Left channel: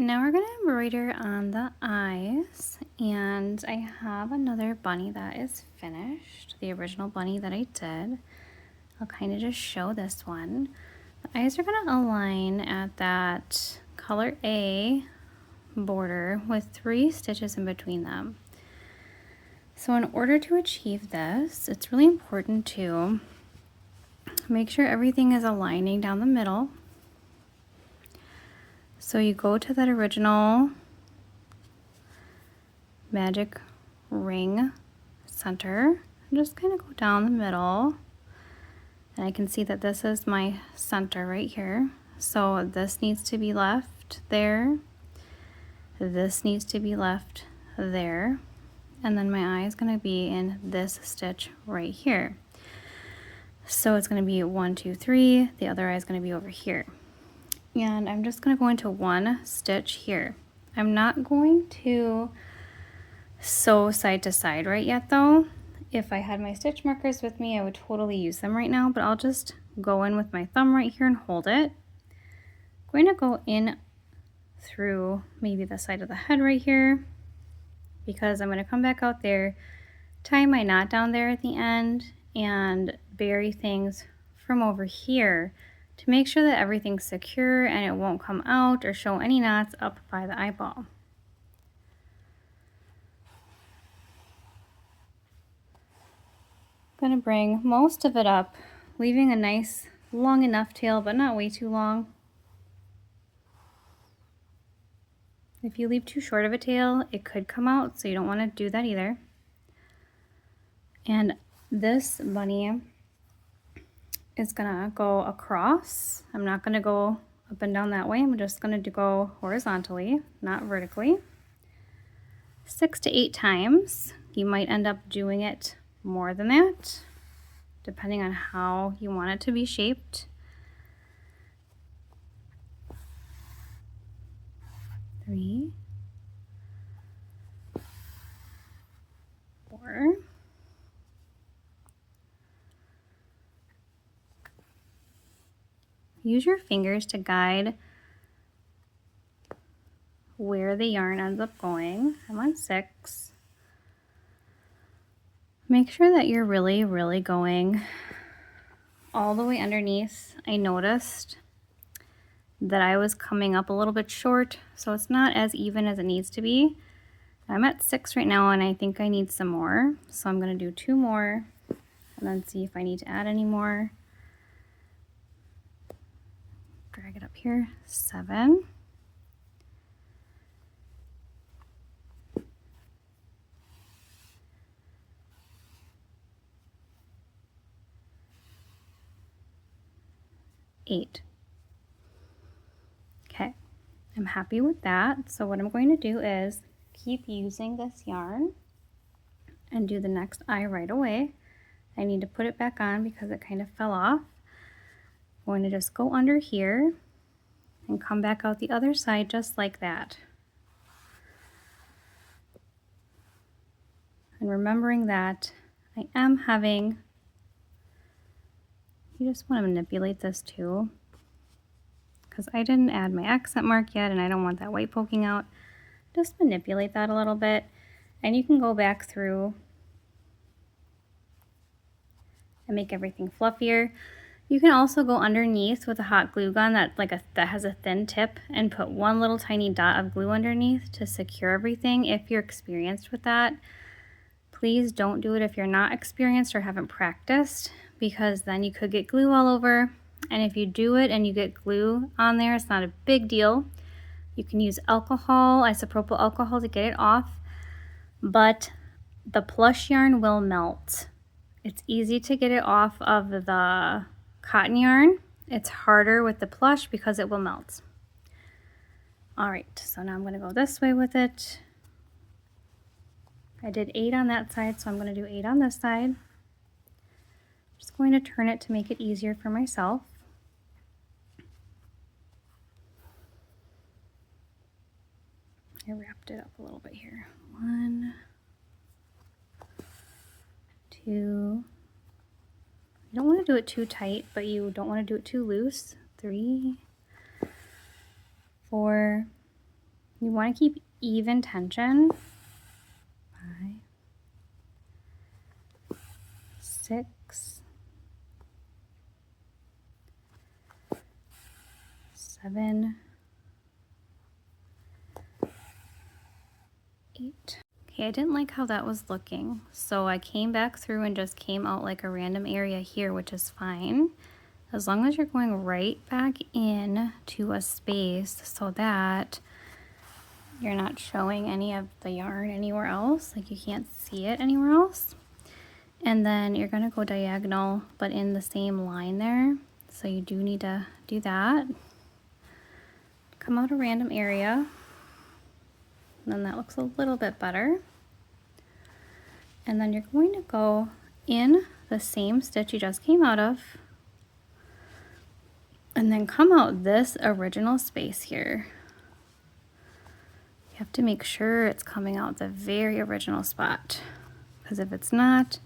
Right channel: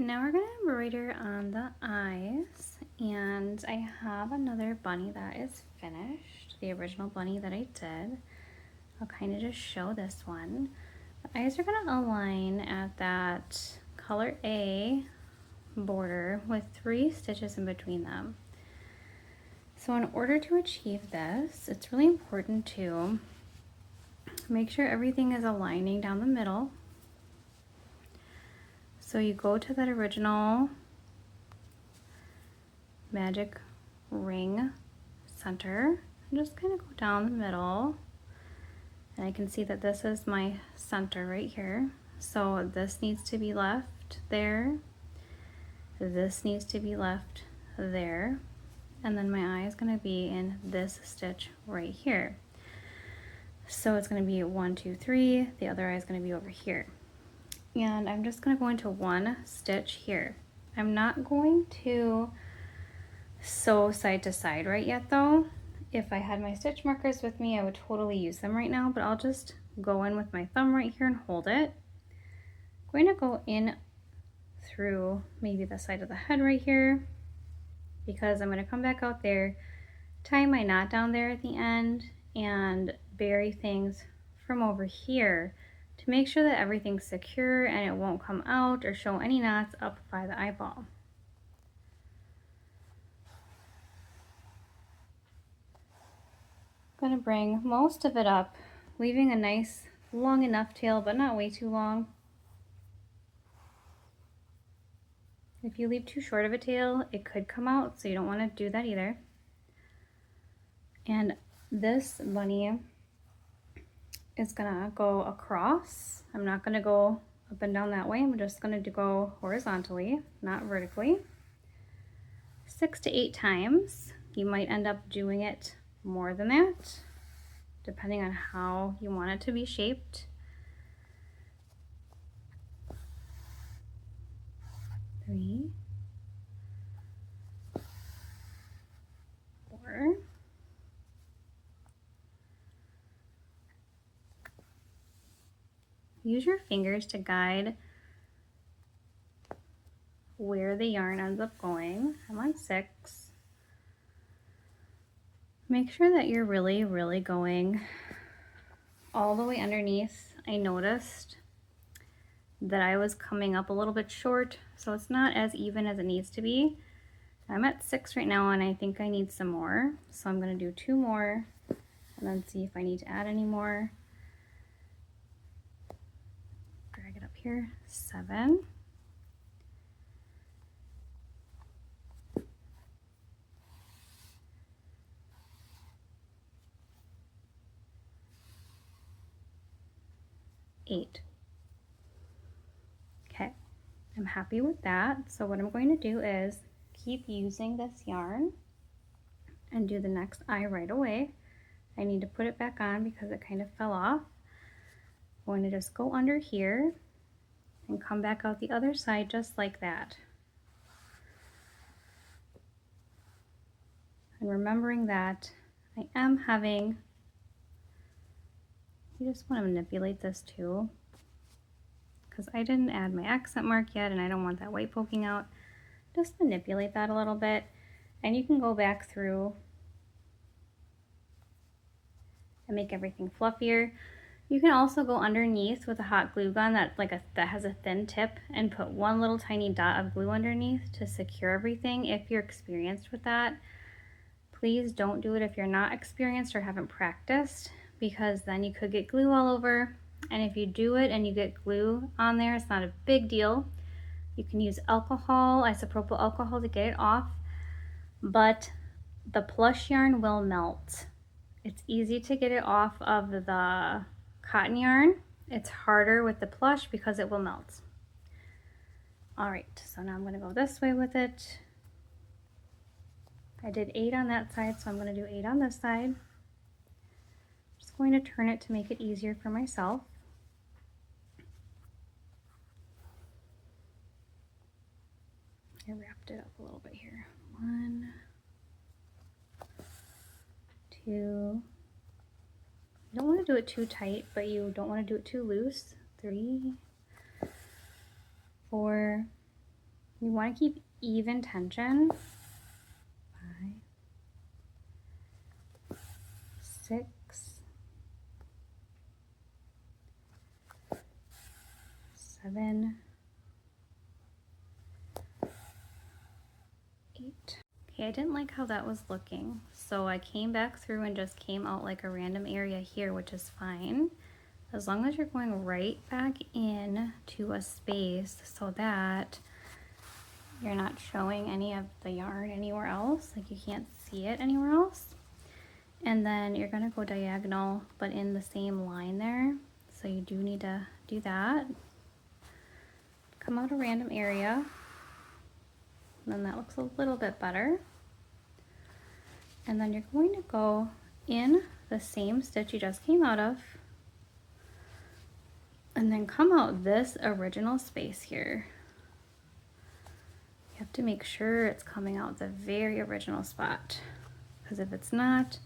Now we're going to embroider on the eyes, and I have another bunny that is finished, the original bunny that I did. I'll kind of just show this one. The eyes are going to align at that color A border with 3 stitches in between them. So in order to achieve this, it's really important to make sure everything is aligning down the middle. So you go to that original magic ring center and just kind of go down the middle. And I can see that this is my center right here. So this needs to be left there. This needs to be left there. And then my eye is going to be in this stitch right here. So it's going to be 1, 2, 3. The other eye is going to be over here. And I'm just going to go into one stitch here. I'm not going to sew side to side right yet though. If I had my stitch markers with me, I would totally use them right now, but I'll just go in with my thumb right here and hold it. I'm going to go in through maybe the side of the head right here, because I'm going to come back out there, tie my knot down there at the end, and bury things from over here to make sure that everything's secure and it won't come out or show any knots up by the eyeball. I'm going to bring most of it up, leaving a nice long enough tail, but not way too long. If you leave too short of a tail, it could come out, so you don't want to do that either. And this bunny is gonna go across. I'm not gonna go up and down that way. I'm just gonna go horizontally, not vertically. 6 to 8 times. You might end up doing it more than that, depending on how you want it to be shaped. 3, 4. Use your fingers to guide where the yarn ends up going. I'm on 6. Make sure that you're really going all the way underneath. I noticed that I was coming up a little bit short, so it's not as even as it needs to be. I'm at 6 right now, and I think I need some more. So I'm gonna do 2 more and then see if I need to add any more. Drag it up here, 7. 8. Okay, I'm happy with that. So what I'm going to do is keep using this yarn and do the next eye right away. I need to put it back on because it kind of fell off. I'm going to just go under here and come back out the other side just like that. And remembering that I am having, you just want to manipulate this too, because I didn't add my accent mark yet and I don't want that white poking out. Just manipulate that a little bit, and you can go back through and make everything fluffier. You can also go underneath with a hot glue gun that has a thin tip and put one little tiny dot of glue underneath to secure everything if you're experienced with that. Please don't do it if you're not experienced or haven't practiced, because then you could get glue all over. And if you do it and you get glue on there, it's not a big deal. You can use alcohol, isopropyl alcohol, to get it off, but the plush yarn will melt. It's easy to get it off of the cotton yarn. It's harder with the plush because it will melt. All right, so now I'm going to go this way with it. I did 8 on that side, so I'm going to do 8 on this side. I'm just going to turn it to make it easier for myself. I wrapped it up a little bit here. 1, 2. You don't want to do it too tight, but you don't want to do it too loose. 3, 4, You want to keep even tension. 5, 6, 7, 8. Okay, I didn't like how that was looking, so I came back through and just came out like a random area here, which is fine. As long as you're going right back in to a space so that you're not showing any of the yarn anywhere else, like you can't see it anywhere else. And then you're gonna go diagonal, but in the same line there. So you do need to do that. Come out a random area. And then that looks a little bit better. And then you're going to go in the same stitch you just came out of. And then come out this original space here. You have to make sure it's coming out the very original spot, because if it's not,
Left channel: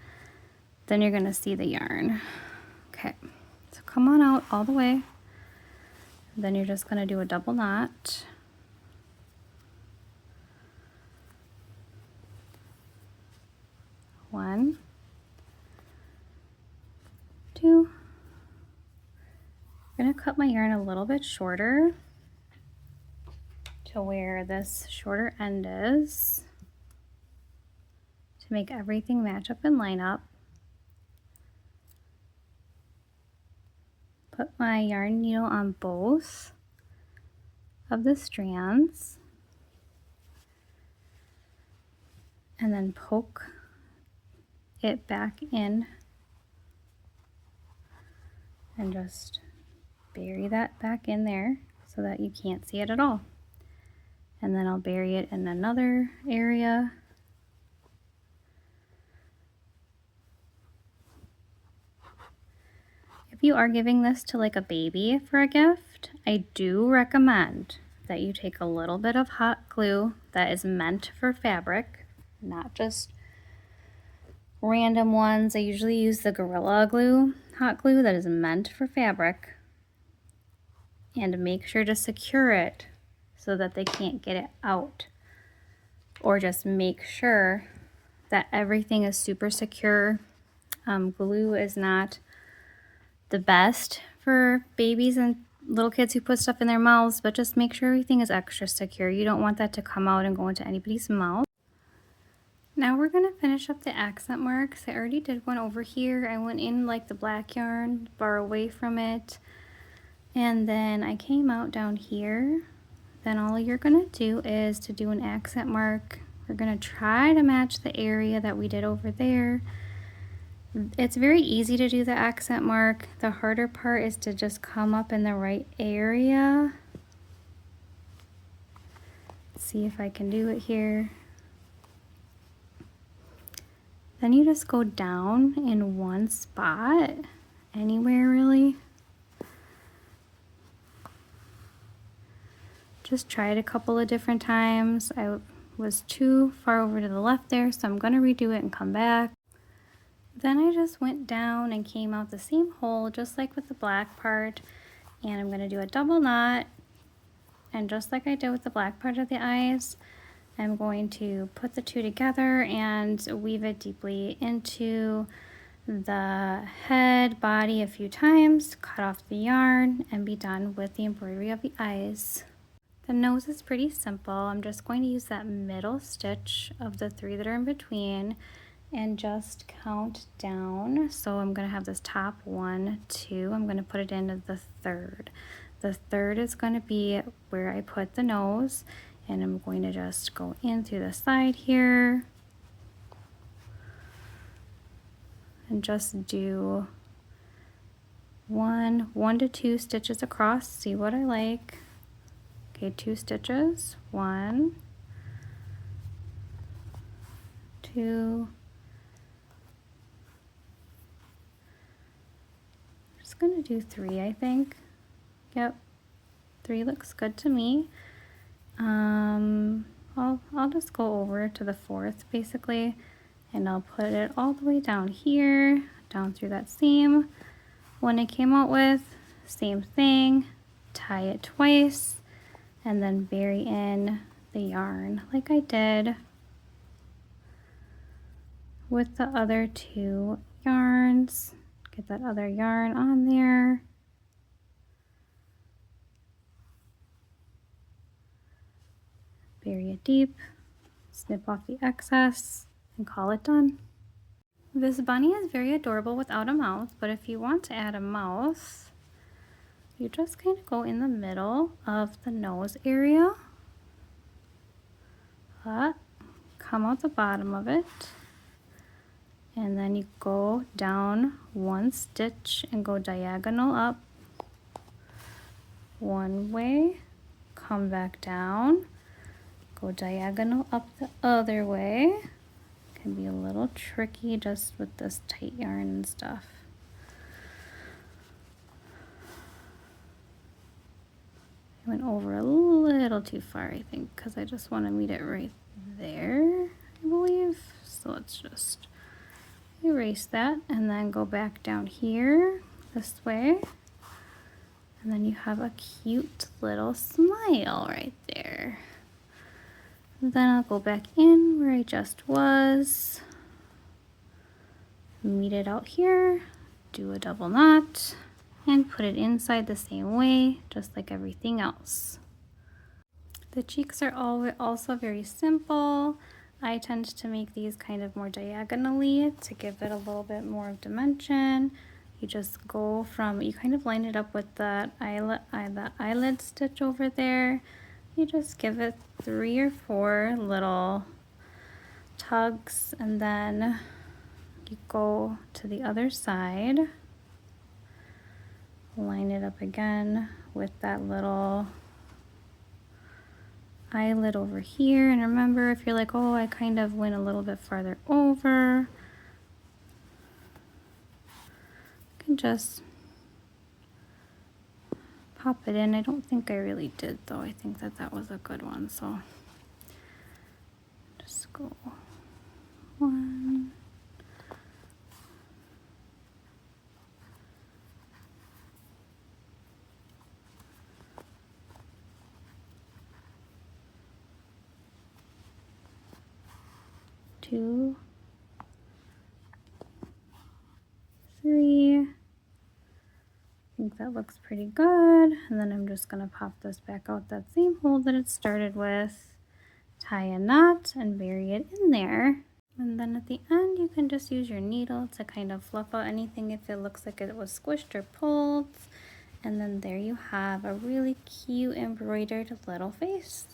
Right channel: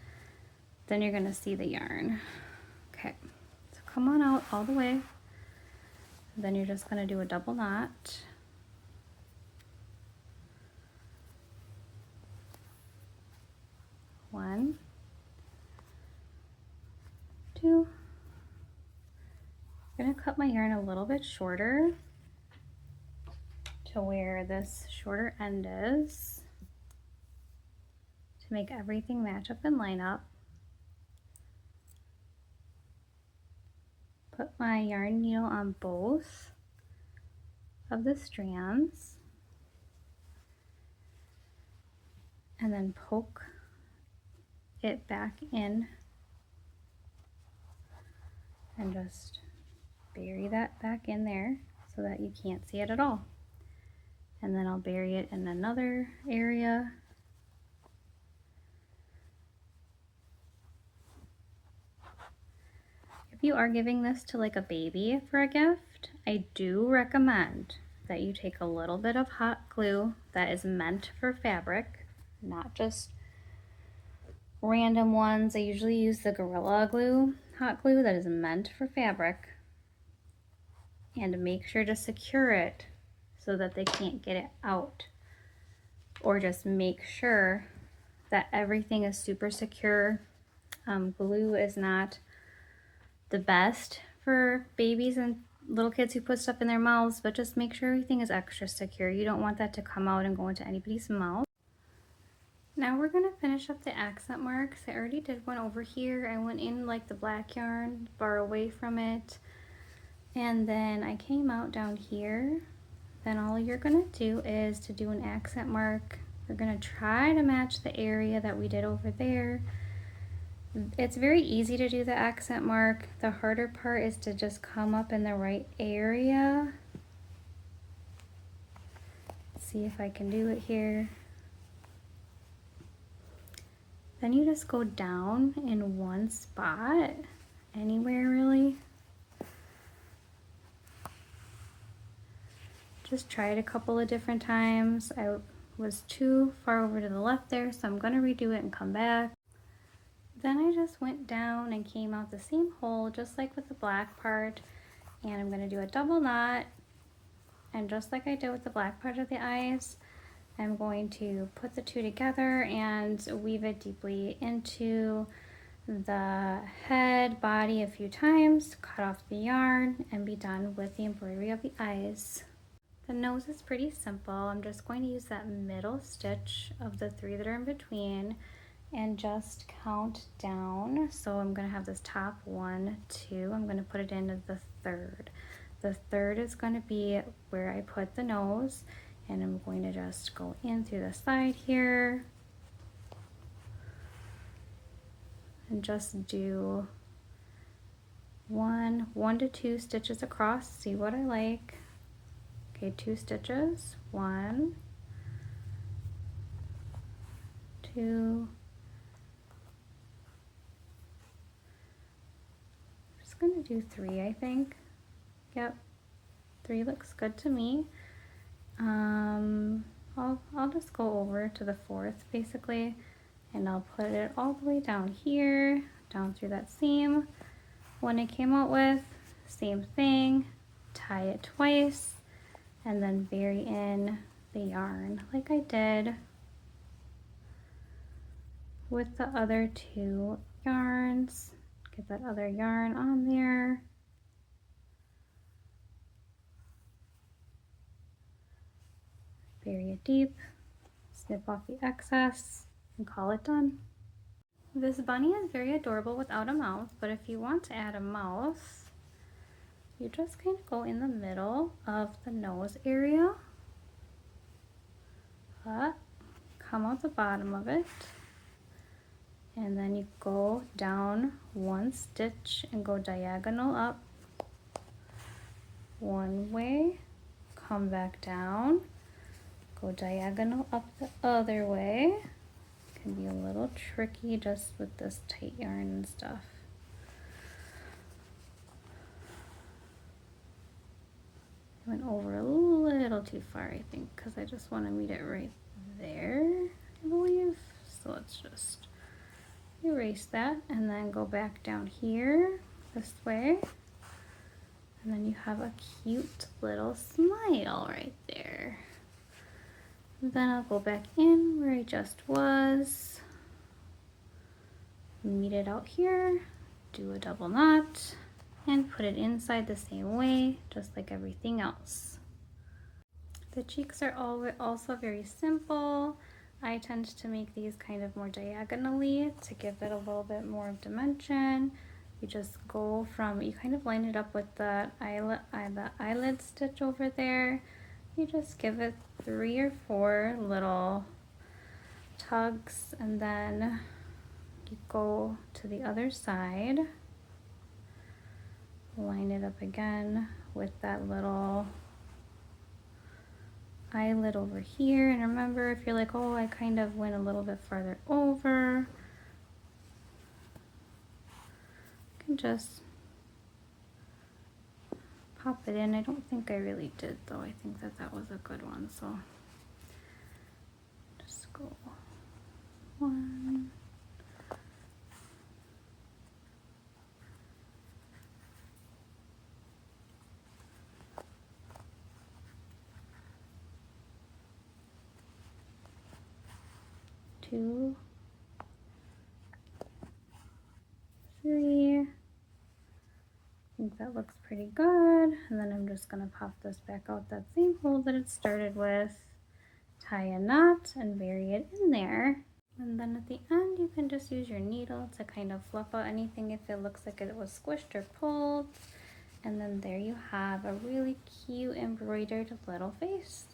then you're gonna see the yarn. Okay, so come on out all the way. Then you're just gonna do a double knot. One, 2. I'm gonna cut my yarn a little bit shorter to where this shorter end is to make everything match up and line up. Put my yarn needle on both of the strands and then poke it back in and just bury that back in there so that you can't see it at all. And then I'll bury it in another area. If you are giving this to like a baby for a gift, I do recommend that you take a little bit of hot glue that is meant for fabric, not just random ones. I usually use the Gorilla Glue hot glue that is meant for fabric, and make sure to secure it so that they can't get it out, or just make sure that everything is super secure. Glue is not the best for babies and little kids who put stuff in their mouths, but just make sure everything is extra secure. You don't want that to come out and go into anybody's mouth. Now we're going to finish up the accent marks. I already did one over here. I went in like the black yarn, bar away from it, and then I came out down here. Then all you're going to do is to do an accent mark. We're going to try to match the area that we did over there. It's very easy to do the accent mark. The harder part is to just come up in the right area. Let's see if I can do it here. Then you just go down in one spot, anywhere really. Just try it a couple of different times. I was too far over to the left there, so I'm going to redo it and come back. Then I just went down and came out the same hole, just like with the black part, and I'm going to do a double knot, and just like I did with the black part of the eyes, I'm going to put the two together and weave it deeply into the head, body a few times, cut off the yarn, and be done with the embroidery of the eyes. The nose is pretty simple. I'm just going to use that middle stitch of the 3 that are in between and just count down. So I'm going to have this top 1, 2. I'm going to put it into the 3rd. The 3rd is going to be where I put the nose, and I'm going to just go in through the side here and just do 1 to 2 stitches across. See what I like. Okay, 2 stitches. 1, 2. I'm just gonna do 3, I think. Yep, 3 looks good to me. I'll just go over to the 4th basically, and I'll put it all the way down here, down through that seam one I came out with. Same thing, tie it twice, and then bury in the yarn like I did with the other two yarns. Get that other yarn on there. Bury it deep, snip off the excess, and call it done. This bunny is very adorable without a mouth, but if you want to add a mouth, you just kind of go in the middle of the nose area, come out the bottom of it, and then you go down one stitch and go diagonal up one way, come back down, go diagonal up the other way. Can be a little tricky just with this tight yarn and stuff. I went over a little too far, I think, because I just want to meet it right there, I believe. So let's just erase that and then go back down here this way. And then you have a cute little smile right there. Then I'll go back in where I just was, meet it out here, do a double knot, and put it inside the same way, just like everything else. The cheeks are also very simple. I tend to make these kind of more diagonally to give it a little bit more of dimension. You just go from, you kind of line it up with the eyelid stitch over there. You just give it 3 or 4 little tugs, and then you go to the other side, line it up again with that little eyelid over here. And remember, if you're like, oh, I kind of went a little bit farther over, you can just pop it in. I don't think I really did though. I think that that was a good one. So just go 1, 2, 3. I think that looks pretty good. And then I'm just going to pop this back out that same hole that it started with, tie a knot and bury it in there. And then at the end you can just use your needle to kind of fluff out anything if it looks like it was squished or pulled. And then there you have a really cute embroidered little face.